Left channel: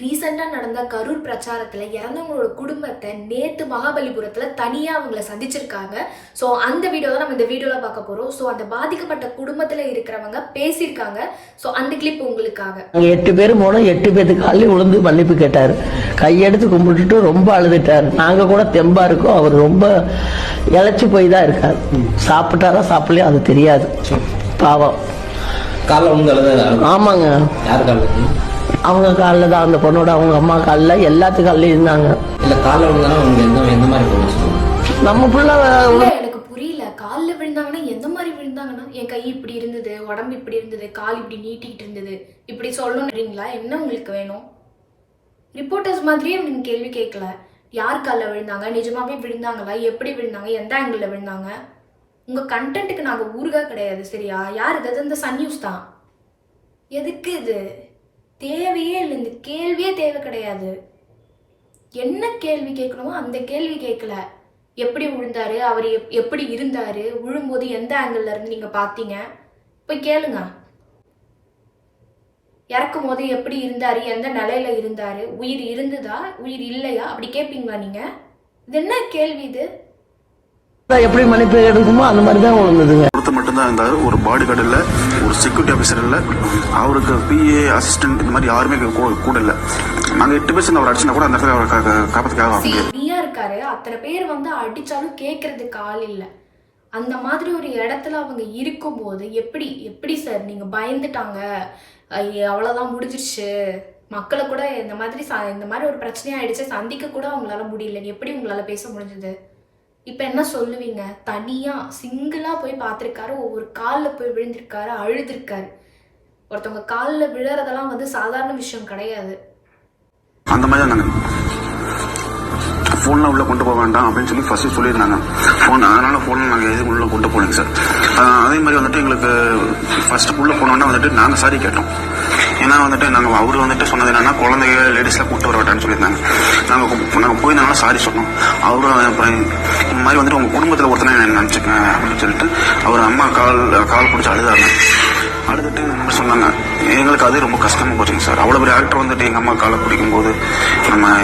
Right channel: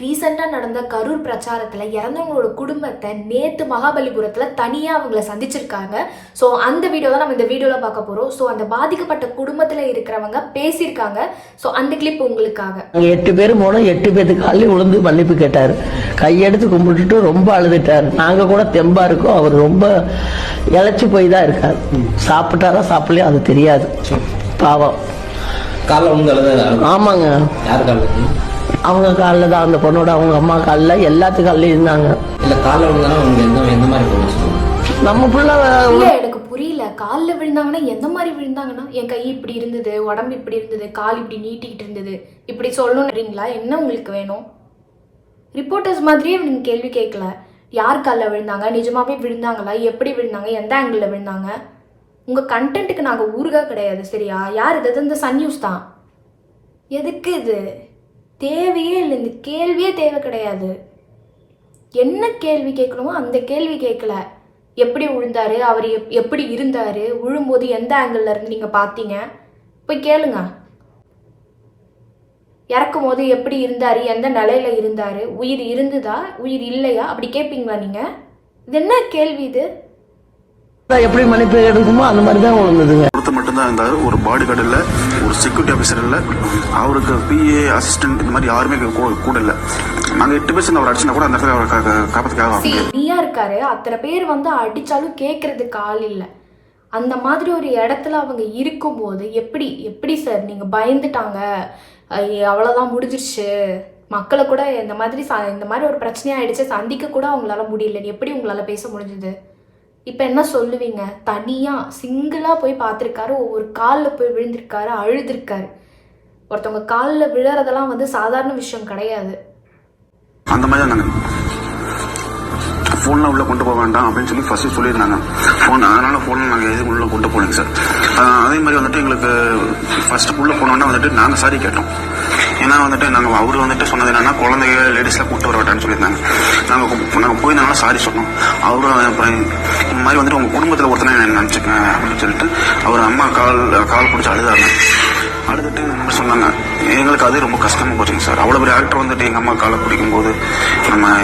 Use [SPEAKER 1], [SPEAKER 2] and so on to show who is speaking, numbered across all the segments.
[SPEAKER 1] ரீசெண்டாக நடந்த கரூர் பிரச்சாரத்தில் இறந்தவங்களோட குடும்பத்தை நேற்று மகாபலிபுரத்தில் தனியாக அவங்கள சந்திச்சிருக்காங்க. ஸோ அந்த வீடியோ தான் நம்ம இந்த வீடியோவில் பார்க்க போகிறோம் ஸோ அந்த பாதிக்கப்பட்ட குடும்பத்தில் இருக்கிறவங்க பேசியிருக்காங்க. ஸோ அந்த கிளிப் உங்களுக்காக.
[SPEAKER 2] எட்டு பேர் போனோம். எட்டு பேத்துக்கு காலையில் விழுந்து மன்னிப்பு கேட்டாரு. கையெடுத்து கும்பிட்டுட்டு ரொம்ப அழுதுட்டாரு. நாங்க கூட தெம்பா இருக்கோம். அவர் ரொம்ப இழைச்சு போய் தான் இருக்காரு. சாப்பிட்டாரா சாப்பிடலையோ அது தெரியாது. பாவம்.
[SPEAKER 3] காலைல அழுத
[SPEAKER 2] ஆமாங்க.
[SPEAKER 3] யார் காலில்
[SPEAKER 2] அவங்க காலில் தான் அந்த பொண்ணோட அவங்க அம்மா காலில் எல்லாத்து காலிலும் இருந்தாங்க.
[SPEAKER 3] இல்ல காலைல எந்த எந்த மாதிரி போச்சு
[SPEAKER 2] நம்ம புள்ள
[SPEAKER 1] எனக்கு புரியல. காலில் விழுந்தாங்கன்னா எந்த மாதிரி விழுந்தாங்கன்னா என் கை இப்படி இருந்தது உடம்பு இப்படி இருந்தது கால் இப்படி நீட்டிக்கிட்டு இருந்தது இப்படி சொல்லணுன்றீங்களா என்ன உங்களுக்கு வேணும்? ரிப்போர்ட்டர்ஸ் மாதிரியே நீங்க கேள்வி கேட்கல. யார் காலில் விழுந்தாங்க? நிஜமாவே விழுந்தாங்களா? எப்படி விழுந்தாங்க? எந்த ஆங்கிளில் விழுந்தாங்க? உங்க கண்டென்ட்டுக்கு நாங்கள் ஊருகா கிடையாது சரியா? யார் இது? இந்த சன் நியூஸ் தான். எதுக்கு இது? தேவையே இல்லை. இந்த கேள்வியே தேவை கிடையாது. என்ன கேள்வி கேட்கணுமோ அந்த கேள்வி கேட்கல. எப்படி விழுந்தாரு அவர் எப் எப்படி இருந்தார்? விழும்போது எந்த ஆங்கிளில் இருந்து நீங்கள் பார்த்தீங்க? போய் கேளுங்க. இறக்கும் போது எப்படி இருந்தார்? எந்த நிலையில இருந்தார்? உயிர் இருந்ததா? உயிர் இல்லையா? அப்படி கேட்பீங்களா நீங்கள் இது என்ன கேள்வி இது?
[SPEAKER 2] எப்படி மன்னிப்பு எடுக்குமோ அந்த மாதிரி தான் விழுந்ததுங்க
[SPEAKER 4] ஒருத்தர் மட்டும்தான் இருந்தார். ஒரு பாடி கார்டு இல்லை ஒரு செக்யூரிட்டி ஆஃபீஸர் இல்லை. அவருக்கு பிஏ அசிஸ்டன்ட் இந்த மாதிரி யாருமே கூட- இல்லை. நாங்கள் எட்டு பேர் அவர் அடிச்சுனா கூட அந்த இடத்துல அவரை கா- கா- காப்பாத்துக்காக வர முடியாது
[SPEAKER 1] ஃப்ரீயா இருக்காரு. அத்தனை பேர் வந்து அடிச்சாலும் கேட்கறதுக்கு ஆள் இல்லை. அந்த மாதிரி ஒரு இடத்துல அவங்க இருக்கும்போது எப்படி எப்படி சார்? நீங்க பயந்துட்டாங்க. ஐய, அவ்வளவுதான் முடிஞ்சிருச்சு. மக்களை கூட இந்த மாதிரி ச- இந்த மாதிரி ஒரு பிரச்சனையா ஆயிடுச்சு சந்திக்க கூட அவங்களால முடியல. எப்படி உங்களால பேச முடிஞ்சது? இப்போ என்ன சொல்லுவீங்க? தனியாக சிங்கிளாக போய் பார்த்துருக்காரு. ஒவ்வொரு காலில் போய் விழுந்திருக்காரு அழுதுருக்காரு. ஒருத்தவங்க காலில் விழறதெல்லாம் வந்து சாதாரண விஷயம் கிடையாது.
[SPEAKER 4] அந்த மாதிரி தான் நாங்கள் ஃபோன்லாம் உள்ளே கொண்டு போக வேண்டாம் அப்படின்னு சொல்லி ஃபஸ்ட்டு சொல்லியிருந்தாங்க. ஃபோன் அதனால் ஃபோன் நாங்கள் எதுவும் உள்ளே கொண்டு போகலைங்க சார் அதே மாதிரி வந்துட்டு எங்களுக்கு ஃபஸ்ட்டு உள்ளே போனோன்னா வந்துட்டு நாங்கள் சாரி கேட்டோம். ஏன்னா வந்துட்டு நாங்கள் அவர் வந்துட்டு சொன்னது என்னன்னா குழந்தைங்க லேடிஸில் கூப்பிட்டு வர வேண்டாம்னு சொல்லியிருந்தாங்க. நாங்கள் நாங்கள் போயிருந்தனால சாரி சொன்னோம். அவரும் அப்புறம் இந்த மாதிரி வந்துட்டு உங்கள் குடும்பத்தில் ஒருத்தனை நினச்சிக்கேன் அப்படின்னு சொல்லிட்டு அவர் அம்மா கால் கால் பிடிச்சி அழுதாங்க. அழுதுட்டு சொன்னாங்க. எங்களுக்கு அது ரொம்ப கஷ்டமா போச்சுங்க சார். அவ்வளோ பெரிய ஆக்டர் வந்துட்டு எங்கள் அம்மா காலை பிடிக்கும்போது நம்ம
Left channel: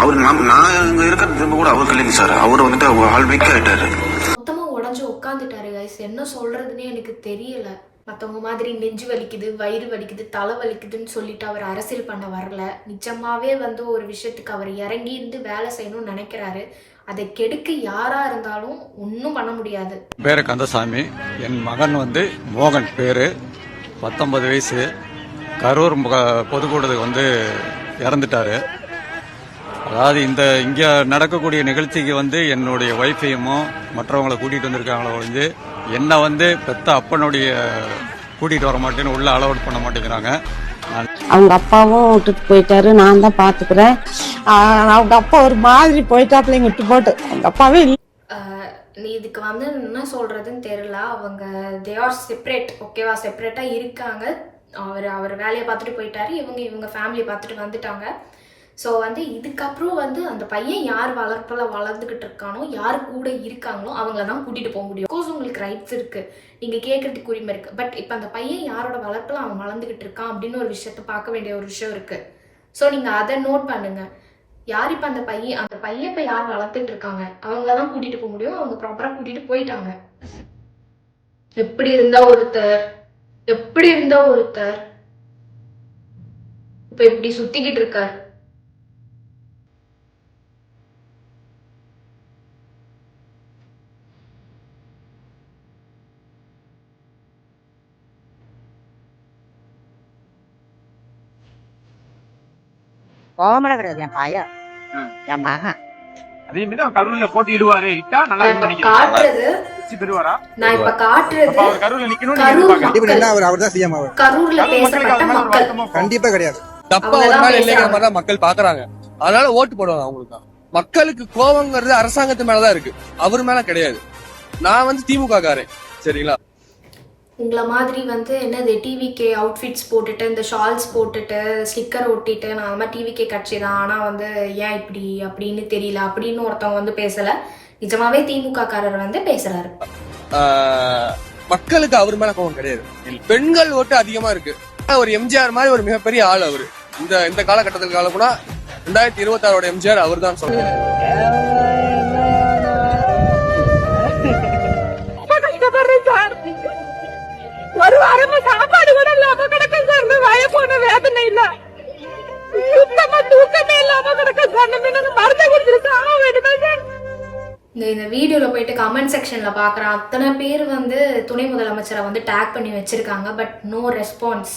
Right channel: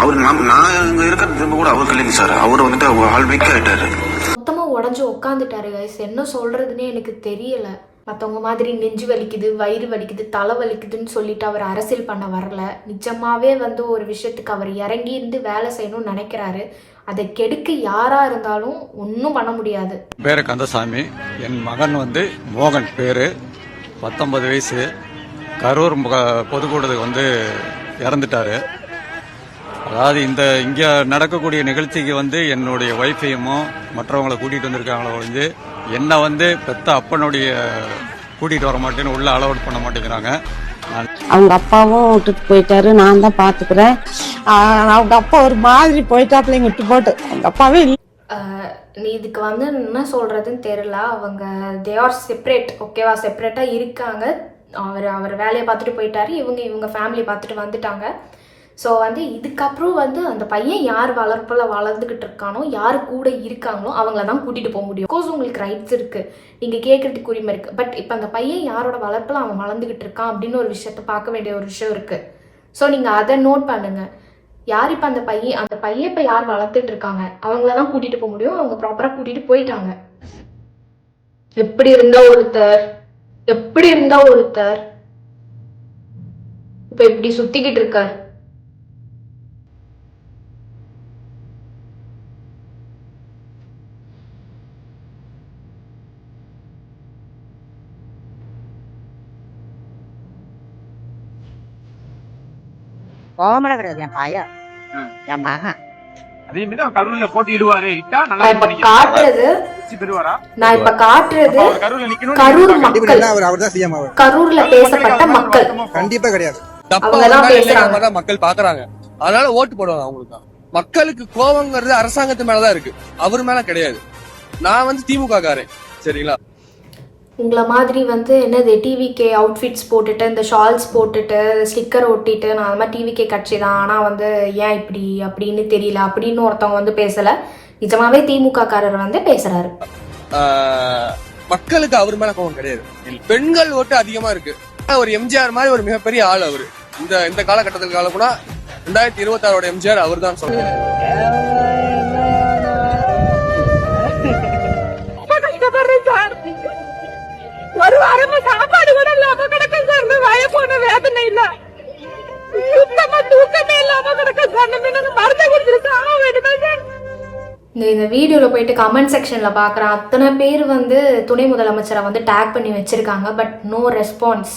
[SPEAKER 4] அவர் நான் நான் இங்கே இருக்கிற திரும்ப கூட அவருக்கு இல்லைங்க சார். அவர் வந்துட்டு அவர் ஆள் வீக் ஆகிட்டாரு
[SPEAKER 1] மொத்தமா உடஞ்சு உட்காந்துட்டாரு என்ன சொல்றதுன்னே எனக்கு தெரியல. மற்றவங்க மாதிரி நெஞ்சு வலிக்குது வயிறு வலிக்குது தலை வலிக்குதுன்னு சொல்லிட்டு அவர் அரசியல் பண்ண வரல. நிஜமாவே வந்து ஒரு விஷயத்துக்கு அவர் இறங்கி இருந்து வேலை செய்யணும்னு நினைக்கிறாரு. அதை கெடுக்க யாரா இருந்தாலும் ஒன்றும் பண்ண முடியாது.
[SPEAKER 5] பேரு கந்தசாமி. என் மகன் வந்து மோகன் பேரு. பத்தொன்பது வயசு. கரூர் முக- பொதுக்கூடத்துக்கு வந்து இறந்துட்டாரு. அதாவது இந்த இங்கே நடக்கக்கூடிய நிகழ்ச்சிக்கு வந்து என்னுடைய ஒய்ஃபையும் மற்றவங்களை கூட்டிகிட்டு வந்திருக்காங்களோ வந்து என்னை வந்து பெத்த அப்பனுடைய கூட்டிட்டு வர மாட்டேன்னு உள்ள அலோட் பண்ண மாட்டேங்கிறாங்க.
[SPEAKER 6] அவங்க அப்பாவும் விட்டுட்டு போயிட்டாரு நான் தான் பாத்துக்கிறேன். ஆஹ் அவங்க அப்பா ஒரு மாதிரி போயிட்டாப்புல விட்டு போட்டு. அவங்க அப்பாவே இல்ல.
[SPEAKER 1] நீ இதுக்கு வந்து என்ன சொல்றதுன்னு தெரியல. அவங்க தே ஆர் செப்பரேட் ஓகேவா செப்பரேட்டா இருக்காங்க. அவர் அவர் வேலையை பார்த்துட்டு போயிட்டாரு. இவங்க இவங்க ஃபேமிலி பார்த்துட்டு வந்துட்டாங்க. ஸோ வந்து இதுக்கப்புறம் வந்து அந்த பையன் யார் வளர்ப்பில் வளர்ந்துக்கிட்டு இருக்கானோ யார் கூட இருக்காங்களோ அவங்கள தான் கூட்டிகிட்டு போக முடியும். கோர்ஸ் உங்களுக்கு ரைட்ஸ் இருக்குது நீங்கள் கேட்குறதுக்கு உரிமை இருக்குது பட் இப்போ அந்த பையன் யாரோட வளர்ப்பில் அவன் வளர்ந்துக்கிட்டு இருக்கான் அப்படின்னு ஒரு விஷயத்த பார்க்க வேண்டிய ஒரு விஷயம் இருக்குது ஸோ நீங்கள் அதை நோட் பண்ணுங்கள் யார் இப்போ அந்த பையன் அந்த பையன் இப்போ யார் வளர்த்துட்டு இருக்காங்க? அவங்கள தான் கூட்டிகிட்டு போக முடியும். அவங்க ப்ராப்பராக கூட்டிகிட்டு போயிட்டாங்க. எப்படி இருந்தா ஒருத்தர்? எப்படி இருந்தா ஒருத்தர்? இப்போ இப்படி சுத்திக்கிட்டு இருக்கார்.
[SPEAKER 6] கோமட கிடையாது என் பையன். என் மகன்.
[SPEAKER 7] அதே மாதிரி அவர் கரூர்ல போட்டியிடுவாரு. இட்டா நல்லா
[SPEAKER 1] நான்
[SPEAKER 7] இது
[SPEAKER 1] இப்ப
[SPEAKER 7] பண்ணிக்கலாம்.
[SPEAKER 1] காட்டுறது
[SPEAKER 7] வெற்றி பெறுவாரா?
[SPEAKER 1] நான் இப்ப காட்டுறது
[SPEAKER 7] அப்ப அவர் கரூர்ல நிக்கணும்னு
[SPEAKER 1] கரூர்
[SPEAKER 7] எதிர்பார்க்கறேன்.
[SPEAKER 1] மக்கள்.
[SPEAKER 8] கண்டிப்பா அவர் அவர் தான் சிஎம் அவர்
[SPEAKER 1] கரூர்ல பேசப்பட்ட மக்கள்.
[SPEAKER 8] கண்டிப்பா கிடையாது.
[SPEAKER 9] தப்பா ஒரு நாள் இல்லைங்கிற. மாதிரி மக்கள் பாக்குறாங்க. அதனால ஓட்டு போடுவாங்க அவங்களுக்கு. தான் மக்களுக்கு கோபங்கிறது அரசாங்கத்து மேலதான் இருக்கு. அவர் மேல கிடையாது. நான் வந்து திமுக காரன் சரிங்களா?
[SPEAKER 1] உங்களை மாதிரி வந்து என்னது டிவிகே அவுட்ஃபிட்ஸ் போட்டுட்டு இந்த ஷால்ஸ் போட்டுட்டு ஸ்டிக்கர் ஒட்டிட்டு நான் அந்த மாதிரி டிவிகே கட்சி தான். ஆனால் வந்து ஏன் இப்படி அப்படின்னு தெரியல. அப்படின்னு ஒருத்தவங்க வந்து பேசலை. நிஜமாவே திமுக காரர் வந்து பேசுறாரு.
[SPEAKER 9] மக்களுக்கு அவர் மேல கோபம் கிடையாது. பெண்கள் ஓட்டு அதிகமா இருக்கு. ஒரு எம்ஜிஆர் மாதிரி ஒரு மிகப்பெரிய ஆள் அவரு. இந்த இந்த காலகட்டத்தில் கால கூட ரெண்டாயிரத்தி இருபத்தி ஆறோட எம்ஜிஆர் அவர் தான் சொல்றாரு.
[SPEAKER 6] ஒரு வாரமா சாப்பாடு கூட இல்லாம கிடக்கும் சார் வய போன வேதனை இல்ல. சுத்தமா தூக்கமே இல்லாம கிடக்கும் சார் நம்ம மருந்து கொடுத்துட்டு சாக சார்
[SPEAKER 1] இந்த இந்த வீடியோவில் போயிட்டு கமெண்ட் செக்ஷனில் பார்க்குறேன் அத்தனை பேர் வந்து துணை முதலமைச்சரை வந்து டேக் பண்ணி வச்சுருக்காங்க. பட் நோ ரெஸ்பான்ஸ்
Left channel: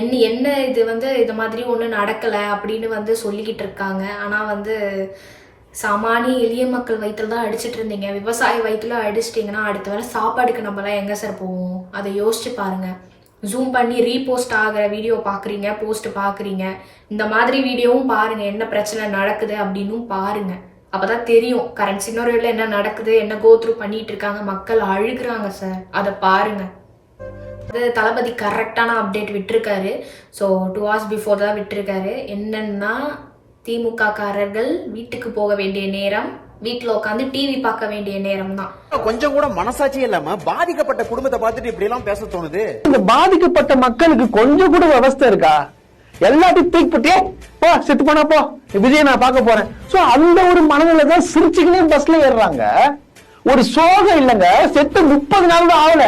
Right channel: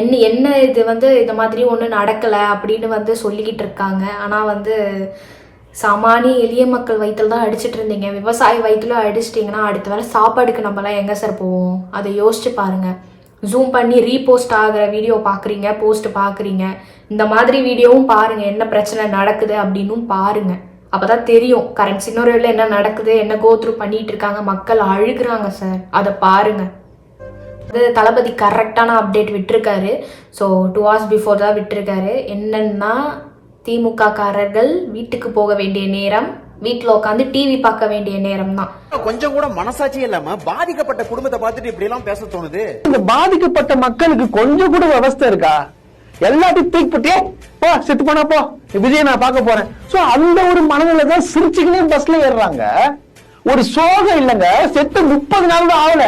[SPEAKER 1] என்ன என்ன இது வந்து இது மாதிரி ஒன்றும் நடக்கலை அப்படின்னு வந்து சொல்லிக்கிட்டு இருக்காங்க. ஆனால் வந்து சாமானிய எளிய மக்கள் வயிற்றுல தான் அடிச்சுட்டு இருந்தீங்க. விவசாய வயிற்றுல அடிச்சிட்டிங்கன்னா அடுத்த வேளை சாப்பாடுக்கு நம்மலாம் எங்கே சார் போவோம்? அதை யோசிச்சு பாருங்கள் ஜூம் பண்ணி ரீபோஸ்ட் ஆகிற வீடியோ பார்க்குறீங்க போஸ்ட் பார்க்குறீங்க இந்த மாதிரி வீடியோவும் பாருங்கள் என்ன பிரச்சனை நடக்குது அப்படின்னும் பாருங்கள் அப்பதான் தெரியும். கரண்ட் சினோரியோவில் என்ன நடக்குது என்ன கோத்ரூ பண்ணிட்டு இருக்காங்க. மக்கள் அழுகுறாங்க சார் அதை பாருங்க. அது தளபதி கரெக்டான அப்டேட் விட்டுருக்காரு. ஸோ டூ ஹவர்ஸ் பிஃபோர் தான் விட்டுருக்காரு. என்னன்னா திமுக காரர்கள் வீட்டுக்கு போக வேண்டிய நேரம் வீட்டில் உட்காந்து டிவி பார்க்க வேண்டிய நேரம் தான்
[SPEAKER 7] கொஞ்சம் கூட மனசாட்சி இல்லாம பாதிக்கப்பட்ட குடும்பத்தை பார்த்துட்டு இப்படி எல்லாம் பேச தோணுது.
[SPEAKER 2] இந்த பாதிக்கப்பட்ட மக்களுக்கு கொஞ்சம் கூட விவஸ்தை இருக்கா? எல்லாத்தையும் தூக்கி போட்டியே போ செத்து போனா போ. விஜய் நான் பார்க்க போறேன். சோ அந்த ஒரு மனநிலை தான் சிரிச்சுக்கினே பஸ்ல ஏறுறாங்க. ஒரு சோகம் இல்லைங்க. செத்து முப்பது நாள் தான் ஆகல.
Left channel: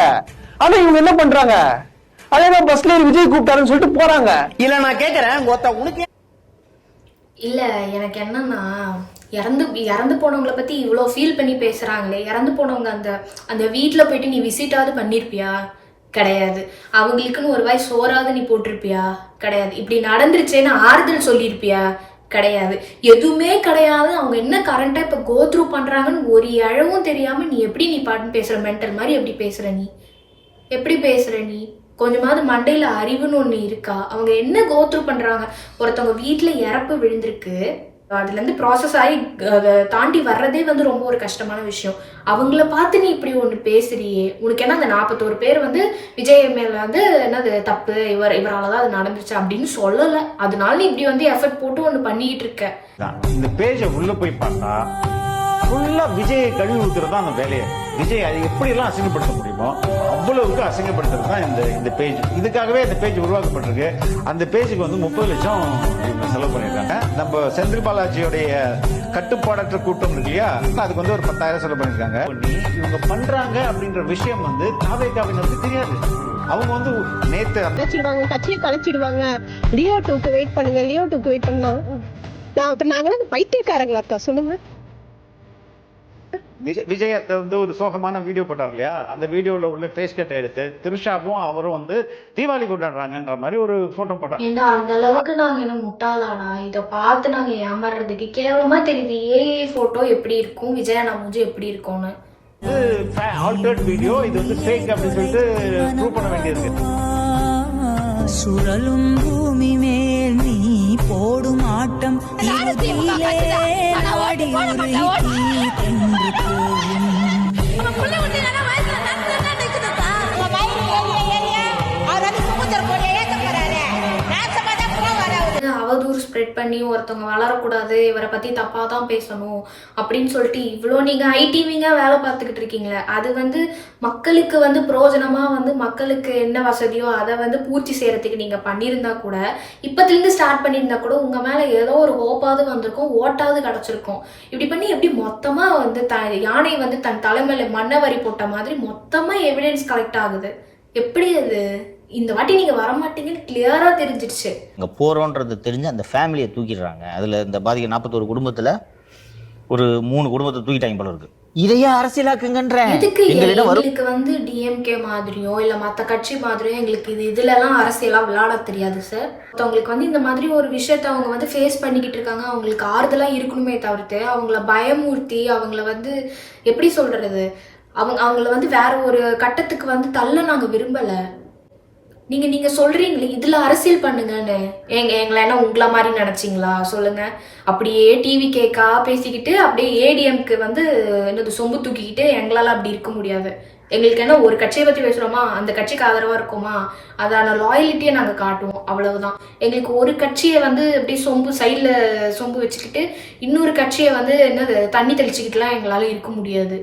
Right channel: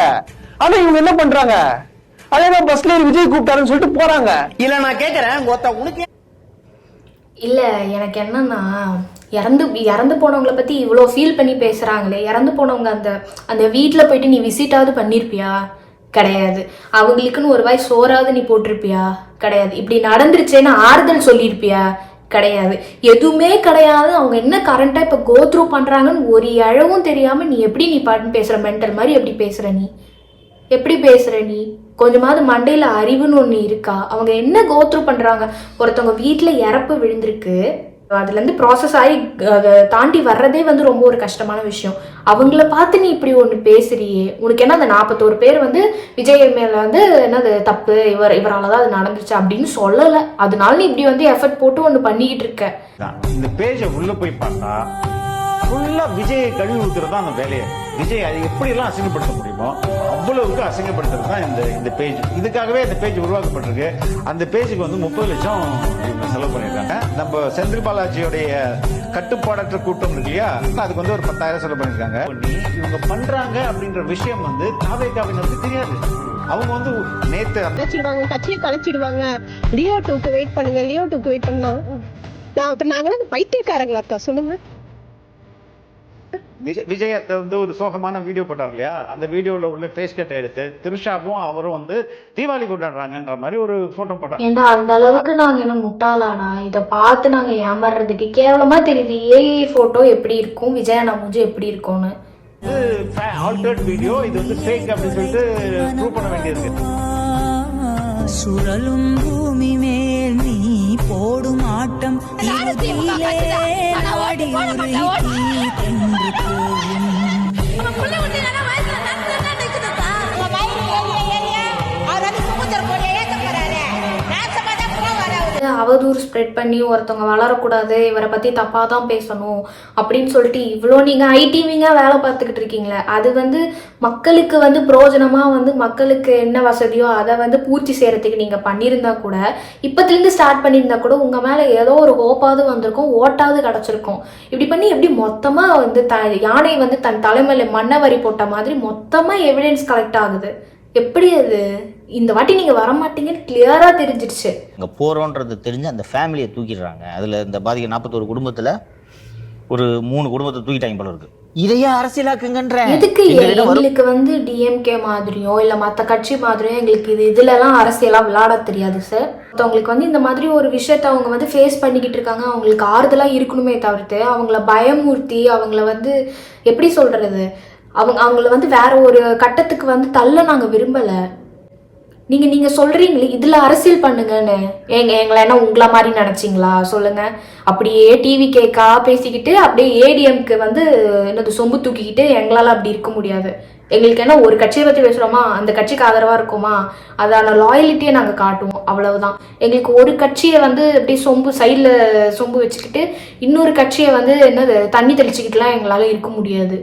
[SPEAKER 2] ஆனா இவங்க என்ன பண்றாங்க? அதேதான் பஸ்ல ஏறி விஜய் கூப்பிட்டாருன்னு சொல்லிட்டு போறாங்க.
[SPEAKER 7] இல்ல நான் கேக்குறேன். உனக்கு
[SPEAKER 1] இல்லை எனக்கு என்னன்னா இறந்து இறந்து போனவங்கள பற்றி இவ்வளோ ஃபீல் பண்ணி பேசுகிறாங்களே இறந்து போனவங்க அந்த அந்த வீட்டில் போயிட்டு நீ விசிட்டாவது பண்ணியிருப்பியா கிடையாது. அவங்களுக்குன்னு ஒரு வாய் சோறாவது நீ போட்டிருப்பியா? கிடையாது. இப்படி நடந்துருச்சேன்னு ஆறுதல் சொல்லியிருப்பியா கிடையாது. எதுவுமே கிடையாது. அவங்க என்ன கரண்ட்டாக இப்போ கோத்ரூ பண்ணுறாங்கன்னு ஒரு அழவும் தெரியாமல் நீ எப்படி நீ பாட்டு பேசுகிற மென்டல் மாதிரி எப்படி பேசுகிற நீ? எப்படி பேசுகிற நீ? கொஞ்சமாவது மண்டையில அறிவுன்னு ஒண்ணு இருக்கா? அவங்க என்ன கோத்ரூ பண்றாங்க? ஒருத்தவங்க வீட்டில் இறப்பு விழுந்திருக்கு. அதுல இருந்து ப்ராசஸ் ஆகி அதை தாண்டி வர்றதே வந்து ரொம்ப ஒரு கஷ்டமான விஷயம். அவங்கள பார்த்து நீ இப்படி ஒன்று பேசுறியே. உனக்கு என்ன அந்த நாற்பத்தோரு பேர் வந்து விஜய் மேல வந்து என்னது தப்பு இவர் இவரால் தான் அது நடந்துச்சு அப்படின்னு சொல்லலை. அதனால நீ இப்படி வந்து எஃபர்ட் போட்டு ஒன்று பண்ணிக்கிட்டு இருக்க.
[SPEAKER 8] இந்த பேஜை உள்ள போய் பார்த்தா ஃபுல்லா விஜயை கழுவி ஊத்துறதா அந்த வேலையை. விஜய் அதை எப்படியெல்லாம் அசிங்கப்படுத்த முடியுமோ அவ்வளவுக்கு அசிங்கப்படுத்துறது தான் இந்த இந்த பேஜ் இதுக்காகவே இந்த பேஜ் உருவாக்கப்பட்டிருக்கு. அந்த பேஜுக்கு வந்து முப்பது லட்சம் இவங்க செலவு பண்ணியிருக்காங்க. நம்ம செந்தில் பாலாஜியோடைய கட்டுப்பாடற்ற கூட்டம் இருக்கு இல்லையா? அதுக்கு வந்து ஒரு பத்தாயிரம் செலவு பண்ணியிருக்காங்க. இவங்க பண்றாங்க அப்படின்ற விஷயம் வந்து தாவேக்காவினருக்கு தெரியாது. அவங்க வந்து நேத்து
[SPEAKER 6] கலைச்சிடுவாங்க கட்சியை கலைச்சிடுவாங்க. லியோ டூக்கு வெயிட் பண்ணுங்க லியோ டூக்கு வெயிட் பண்ணலாம். நான் நாங்களாம் பைத்தியக்காரங்களா இருக்கா சொல்லுங்க.
[SPEAKER 8] விஜய் விஜய் வந்து ஒரு சோகமான வீடியோ போட்டார் இல்லையா? அந்த வீடியோல உள்ள ஃபேஸ் கட் எடுத்து திருஷாவும் அவரும் வந்து தீபாவளி கொண்டாடுறாங்கன்ற மாதிரி ஒரு போட்டோ போட்டாங்க
[SPEAKER 1] ஏண்டா அந்த அளவுக்கு நாங்க என்ன முட்டாளாடா? இதை பார்த்து நாங்க ஏமாறுறதுக்கு கேவலமா தெரியுது ஏஐ போட்டோ எப்படி இருக்கும்? விஜய் அண்ணா மூஞ்சி எப்படி இருக்கும்னு.
[SPEAKER 8] ஆல்டர்ட் வீடியோ இது வந்து ஃபேக் அப்படின்னு சொல்லிட்டு ப்ரூவ் பண்ண வேண்டியிருக்கு
[SPEAKER 10] சுழலும் பூமி மேல் நீ போடும் ஆட்டம் இறுதியிலே நாடி உருகி தென்று போகும்.
[SPEAKER 1] ஸ்ப்ரெட் பண்ணி ஒருத்தவங்க வளரக்கூடாது இவரை பற்றி தப்பாக தான் பேசணும் அப்படின்னு சொல்லிட்டு இவ்வளோ நீங்கள் ஐடிவிங்க வேலை பார்த்துக்கிட்டு இருக்கீங்களே அது வந்து மக்களுக்கு வந்து பிரோஜனமாக வந்து மக்களுக்கு என்ன வசதியோ அதை வந்து பூர்த்தி செய்கிறதுக்கு நீங்கள் பண்ணியிருந்தா கூட இப்போத்துலேருந்து ஸ்டார்ட் பண்ணியிருந்தா கூட உங்கள் மேலே ஏதோ ஒரு ஹோப்பாவது வந்திருக்கும் ஓட்டாவது கிடச்சிருக்கும். இப்படி பண்ணி எப்படி மொத்தமாக வந்து த யானை வந்து தன் தலைமையில் மண்ணவரி போட்ட மாதிரி மொத்தமாக எவிடன்ஸ் கலெக்ட் ஆகுது? எப்படி அது? இந்த வாட்டி நீங்க வர மாட்டீங்கன்னு கிளியரா தெரிஞ்சிடுச்சு.
[SPEAKER 11] அங்கே போகிறோன்றது தெரிஞ்சு அந்த ஃபேமிலியை தூக்கிடுறாங்க. அதில் இந்த பாதிக்க நாற்பத்தோரு குடும்பத்தில் ஒரு மூணு குடும்பத்தை தூக்கிட்டாங்க போல இருக்கு. இதையே அரசியலாக்குங்கன்ற. வரும்.
[SPEAKER 1] எங்களுக்கு வந்து டிஎம்கே மாதிரியோ இல்ல மத்த கட்சி மாதிரியோ எங்களுக்கு இது இதுல எல்லாம் அரசியலா விளையாட தெரியாது சார் அவங்களுக்கு வந்து இந்த மாதிரி ஒரு விஷயத்த அவங்க வந்து ஃபேஸ் பண்ணிக்கிட்டு இருக்காங்க. அவங்களுக்கு ஆறுதலா இருக்கணுமே தவிர்த்து அவங்கள பயமூர்த்தி அவங்கள வந்து எப்படி சொல்றது? அவங்க அவங்கள வந்து வேற ஒரு கட்டத்துக்கு வந்து தள்ள நாங்க விரும்பல. நீங்க நீங்க சொல்றீங்களே இதுல அரசியல் பண்ணுங்கன்னு. எங்க எங்களை என்ன உங்களை மாதிரி நினைச்சிங்களா? சொல்லுங்க. அப்படியே டிவி கேக்கா பேசிக்கிட்டு அப்படியே ஏடிஎம்க்கு வந்து என்னது சொம்பு தூக்கிக்கிட்டு எங்களால அப்படி இருக்க முடியாது. எங்களுக்கு என்ன ஒரு கட்சியை பத்தி பேசுறோமா? அந்த கட்சிக்கு ஆதரவா இருக்குமா? அதான லாயலிட்டியை நாங்க காட்டுவோம். அவ்வளவுதான். எங்களுக்கு ஒரு கட்சியை வந்து அப்படியே சொம்பு சைடில் சொம்பு வச்சுக்கிட்டு இன்னொரு கட்சியை வந்து என்னது தண்ணி தெளிச்சுக்கிட்டுலாம் எங்களால இருக்க முடியாது.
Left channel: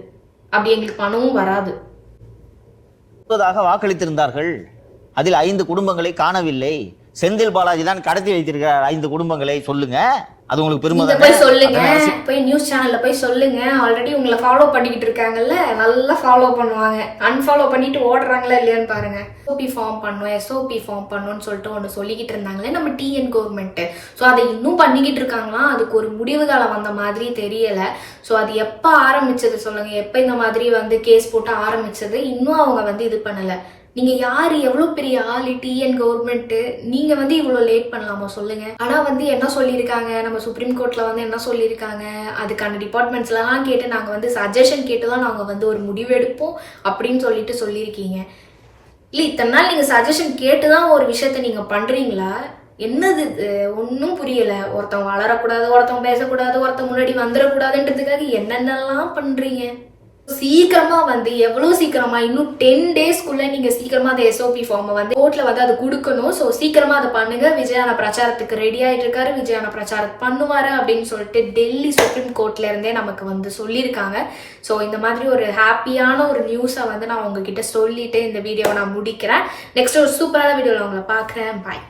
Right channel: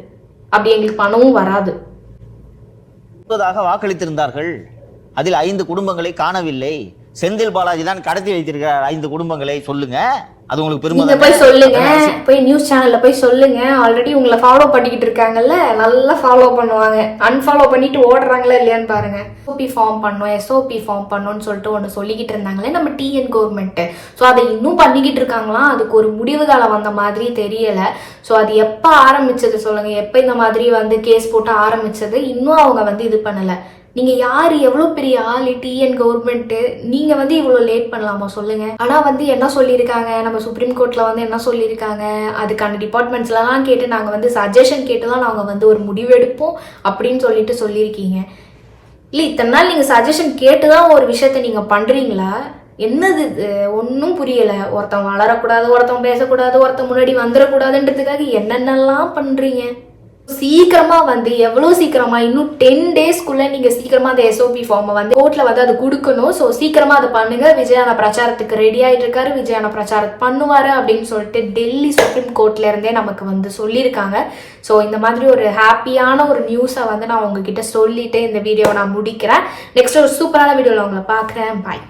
[SPEAKER 1] அப்படி எங்களுக்கு பணமும் வராது.
[SPEAKER 11] வாக்களித்திருந்தார்கள். அதில் ஐந்து குடும்பங்களை காணவில்லை. செந்தில் பாலாஜி தான் கடத்தி வைத்திருக்கிறார். ஐந்து குடும்பங்களை சொல்லுங்க. அது உங்களுக்கு பெருமை?
[SPEAKER 1] போய் சொல்லுங்க. போய் நியூஸ் சேனல்ல போய் சொல்லுங்க. ஆல்ரெடி உங்களை ஃபாலோ பண்ணிக்கிட்டு இருக்காங்கல்ல நல்லா ஃபாலோ பண்ணுவாங்க. அன்ஃபாலோ பண்ணிட்டு ஓடுறாங்களா இல்லையான்னு பாருங்க. எஸ்ஓபி ஃபார்ம் பண்ணோம் எஸ்ஓபி ஃபார்ம் பண்ணோம்னு சொல்லிட்டு ஒன்று சொல்லிக்கிட்டு இருந்தாங்களே நம்ம டிஎன் கவர்மெண்ட் ஸோ அதை இன்னும் பண்ணிக்கிட்டு இருக்காங்களாம் அதுக்கு ஒரு முடிவு காலம் வந்த மாதிரி தெரியல. ஸோ அது எப்போ ஆரம்பிச்சது சொல்லுங்க. எப்போ இந்த மாதிரி வந்து கேஸ் போட்டு ஆரம்பிச்சது? இன்னும் அவங்க வந்து இது பண்ணல. நீங்கள் யார் எவ்வளோ பெரிய ஆள் டிஎன் கவர்மெண்ட்டு நீங்கள் வந்து இவ்வளோ லேட் பண்ணலாமா? சொல்லுங்கள் ஆனால் வந்து என்ன சொல்லியிருக்காங்க? நம்ம சுப்ரீம் கோர்ட்டில் வந்து என்ன சொல்லியிருக்காங்க? அதுக்கான டிபார்ட்மெண்ட்ஸ்லாம் கேட்டு நாங்கள் வந்து சஜஷன் கேட்டு தான் நாங்கள் வந்து ஒரு முடிவெடுப்போம் அப்படின்னு சொல்லிட்டு சொல்லியிருக்கீங்க. இல்லை இத்தனை நாள் நீங்கள் சஜஷன் கேட்டு தான் ஒரு விஷயத்த நீங்கள் பண்ணுறீங்களா என்னது ஒன்றும் புரியலை. ஒருத்தன் வளரக்கூடாது ஒருத்தன் பேசக்கூடாது ஒருத்தன் முன்னாடி வந்துடக்கூடாதுன்றதுக்காக என்னென்னலாம் பண்ணுறீங்க சீக்கிரமா வந்து எவ்வளவு சீக்கிரமா? இன்னும் டென் டேஸ்க்குள்ள நீங்க சீக்கிரமா அந்த எஸ்ஓபி ஃபார்மை வந்து கோர்ட்ல வந்து அது கொடுக்கணும். ஸோ சீக்கிரமா அதை பண்ணுங்க. விஜயான பிரச்சாரத்துக்கு ரெடி ஆயிட்டு இருக்காரு. விஜயான பிரச்சாரம் பண்ணுவாரு அப்படின்னு சொல்லிட்டு டெல்லி சுப்ரீம் கோர்ட்ல இருந்தே நமக்கு வந்து சொல்லியிருக்காங்க. ஸோ இந்த மாதிரி ஒரு ஹாப்பியான ஒரு நியூஸை வந்து நான் உங்ககிட்ட சொல்லிட்டு இந்த வீடியோவை நான் முடிக்கிறேன். நெக்ஸ்ட் ஒரு சூப்பரான வீடியோவில் உங்களை பார்க்குறேன். பாய்